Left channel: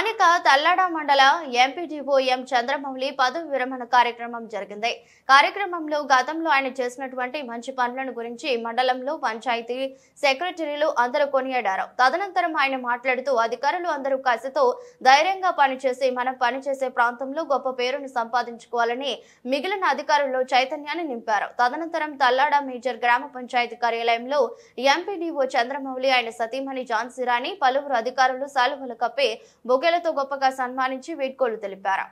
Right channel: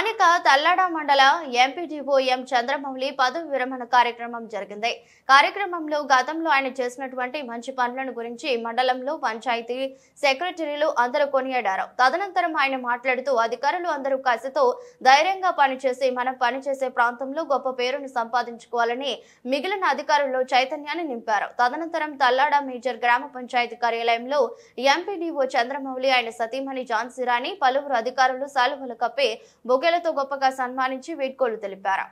స్థానిక తల్లాడ మండల ఎంపీడీఓ ఎం చంద్రమౌళి పదవి విరమణ కార్యక్రమం జరిగింది. కార్యక్రమంలో గతంలో ఆయన చేసినటువంటి మంచి పనులను గురించి మండలంలో పంచాయతీ సెక్రటరీలు అందరూ కొనియాడారు. తదనంతరం ఆయన మాట్లాడుతూ అధికారులు అందరూ కసితో ధైర్యంగా పనిచేసి మనం పనిచేసే ప్రాంతంలో గొప్ప పేరును సంపాదించుకోవాలని మిగిలిన అధికారుల్లో చైతన్యాన్ని నింపారు. తదనంతరం తల్లాడ మేజర్ గ్రామ పంచాయతీ కార్యాలయంలో ఎంపీడీఓ చంద్రమౌళి ఆయన సతీమణి ఝాన్సీరాణి పలువురు అధికారులు సాలువలు కప్పి బొకేలతో గొప్పగా సన్మానించి వీడ్కోలు తెలిపారు.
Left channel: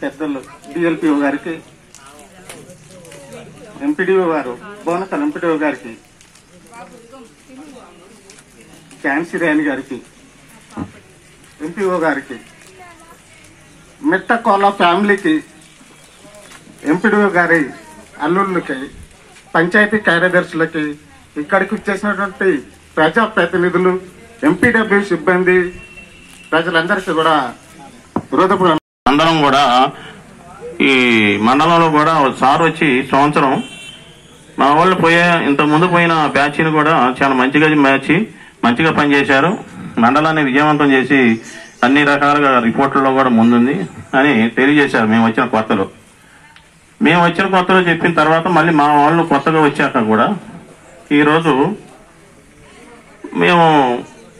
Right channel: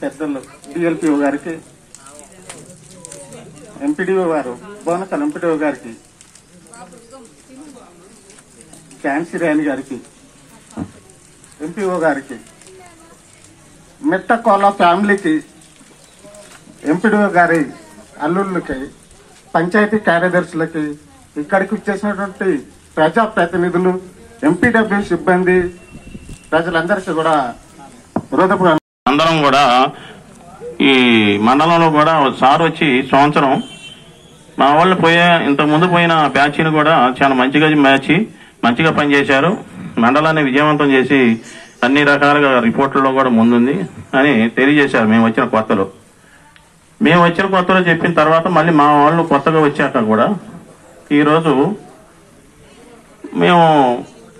పెద్దలు డిఎల్పిఓ గారికి, ఎంపీడీఓ గారు బోనకల్ ఎంపీడీఓ గారికి, ఝాన్సీరాణి గారికి, ఎంపీఓ గారికి, మెట్టకోల ఫ్యామిలీకి, ఎంపీడీఓ గారి అల్లుళ్ళకి, పంచాయతీ కార్యదర్శులకి, ఇక్కడికి వచ్చేసినటువంటి ప్రజాప్రతినిధులు, ఎంపీడబ్ల్యూ సిబ్బంది, ప్రజలందరికీ కూడా హృదయపూర్వక అందరం కూడా ఈ మండలంలో కూడా సార్ వచ్చి సంవత్సరం మా వాళ్ళు ఇంతకు ముందు పోయిన బ్యాచ్ని కూడా చాలా మంచిగా పనిచేశారు. మండలాన్ని విజయవంతం చేసి అన్ని రకాలుగా రిపోర్టుల్లో కూడా ముందుంది అని తెలియజేశారు. మేము వచ్చిన కొత్తలో చెప్పిన తర్వాత మళ్ళీ మా వాళ్ళు కొత్తగా వచ్చాక కూడా ఈరోజు మేము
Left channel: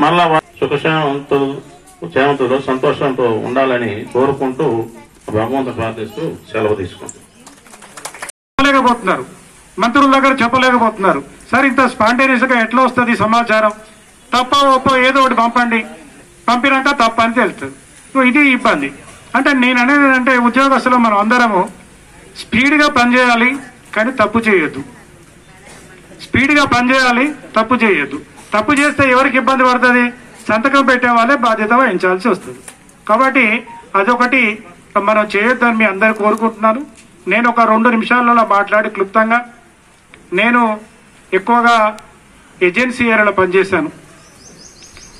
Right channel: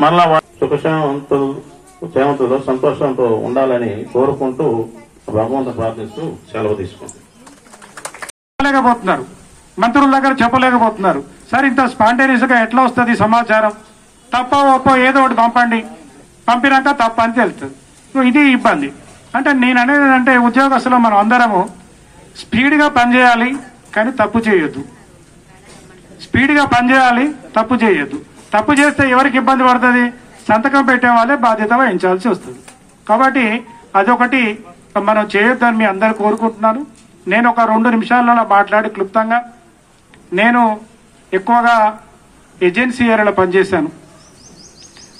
మళ్ళా సుఖశాంతులు సంతోషంతో ఉండాలని కోరుకుంటూ భగవంతుని ప్రార్థిస్తూ సెలవు తీసుకుంటున్నారు. మంత్రుల దగ్గర చెప్పలేకపోతున్నారు. సార్ ఇంత స్పాంటేనియస్ గా ఎట్లా వస్తుంది సమాచారం? తప్ప ఒప్ప ఏదో ఒకటి పంపండి, పంపినాక తప్ప అని తెలుస్తుంది. ఇది ఇబ్బంది. అంటే నేను అనేది అంటే ఉద్యోగస్తులు మనం అందరము స్పీడ్ గా పనిచేయాలి, కానీ తప్పు చేయొద్దు. స్పీడ్ గా పనిచేయాలి, తప్పు చేయొద్దు. తప్పు చేస్తే ఎవరికి ఇబ్బంది పడుతుంది? సంతకం పెట్టే వాళ్ళే బాధ్యత వహించాల్సి వస్తుంది. కాబట్టి అదొకటి మనం చేయొద్దని మీ అందరూ కోరుకుంటున్నాను. నేను ఒక 2 నిమిషాలలో మాట్లాడి క్లుప్తంగా, నేను ఎక్కువగా ఏజెన్సీ ఏరియాలో పనిచేశాను.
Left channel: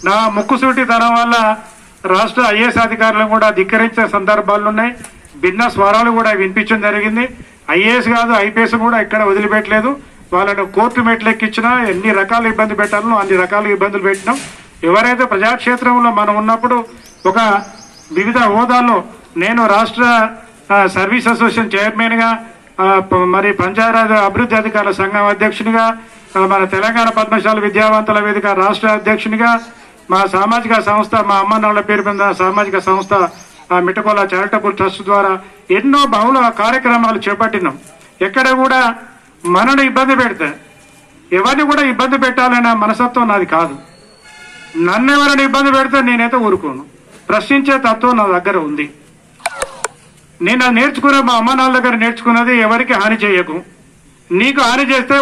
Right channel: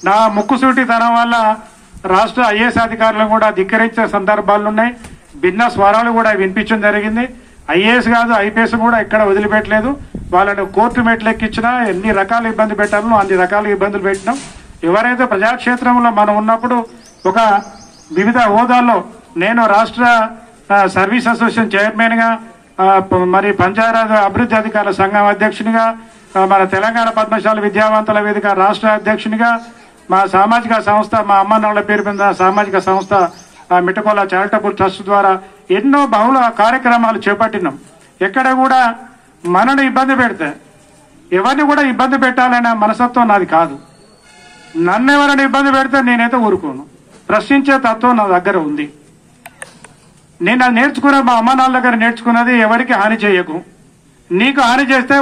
నా ముక్కుసూటితనం వల్ల రాష్ట్ర ఐఏఎస్ అధికారులను కూడా ధిక్కరించిన సందర్భాలు ఉన్నాయి. భిన్న స్వరాలు కూడా వినిపించడం జరిగింది. ఐఏఎస్ కాదు ఐపీఎస్ కూడా ఇక్కడ వదిలిపెట్టలేదు. వాళ్ళను కోర్టు మెట్లెక్కించినా ఎన్ని రకాల ఇబ్బంది పెట్టాలో అన్ని రకాల ఇబ్బందులు పెట్టినాం. ఎవరైతే ప్రజాక్షేత్రంలో మనం ఉన్నప్పుడు ఒక వివిధ హోదాల్లో నేను రాష్ట్ర సర్వీస్ అసోసియేషన్ చైర్మన్ గా, మరి పంచాయతీ అభివృద్ధి అధికారుల సంఘం అధ్యక్షునిగా, మన తెలంగాణ పద్మశాల విద్యావంతుల వేదిక రాష్ట్ర అధ్యక్షునిగా, మా సామాజిక సంస్థ మా అమ్మ నాన్న పేరు మీద సామాజిక సంస్థ మిట్టకోల చారిటబుల్ ట్రస్ట్ ద్వారా ఎన్నో బహుళ కార్యక్రమాలు చేపట్టినాం. ఎక్కడ కూడా మనను ఇబ్బంది పెడితే ఎవరిని కూడా ఇబ్బంది పెట్టాలనే మనసత్వం నాది కాదు. నన్ను ఎవరైనా ఇబ్బంది పెడితే నేనైతే ఊరుకోను. ప్రశ్నించే తత్వం నా దగ్గర ఉంది. నేను అది నేర్చుకునే మా అమ్మ నాన్న దగ్గర నేర్చుకున్నది ఎవరికి హాని చేయకు. నీకు హాని చేస్తే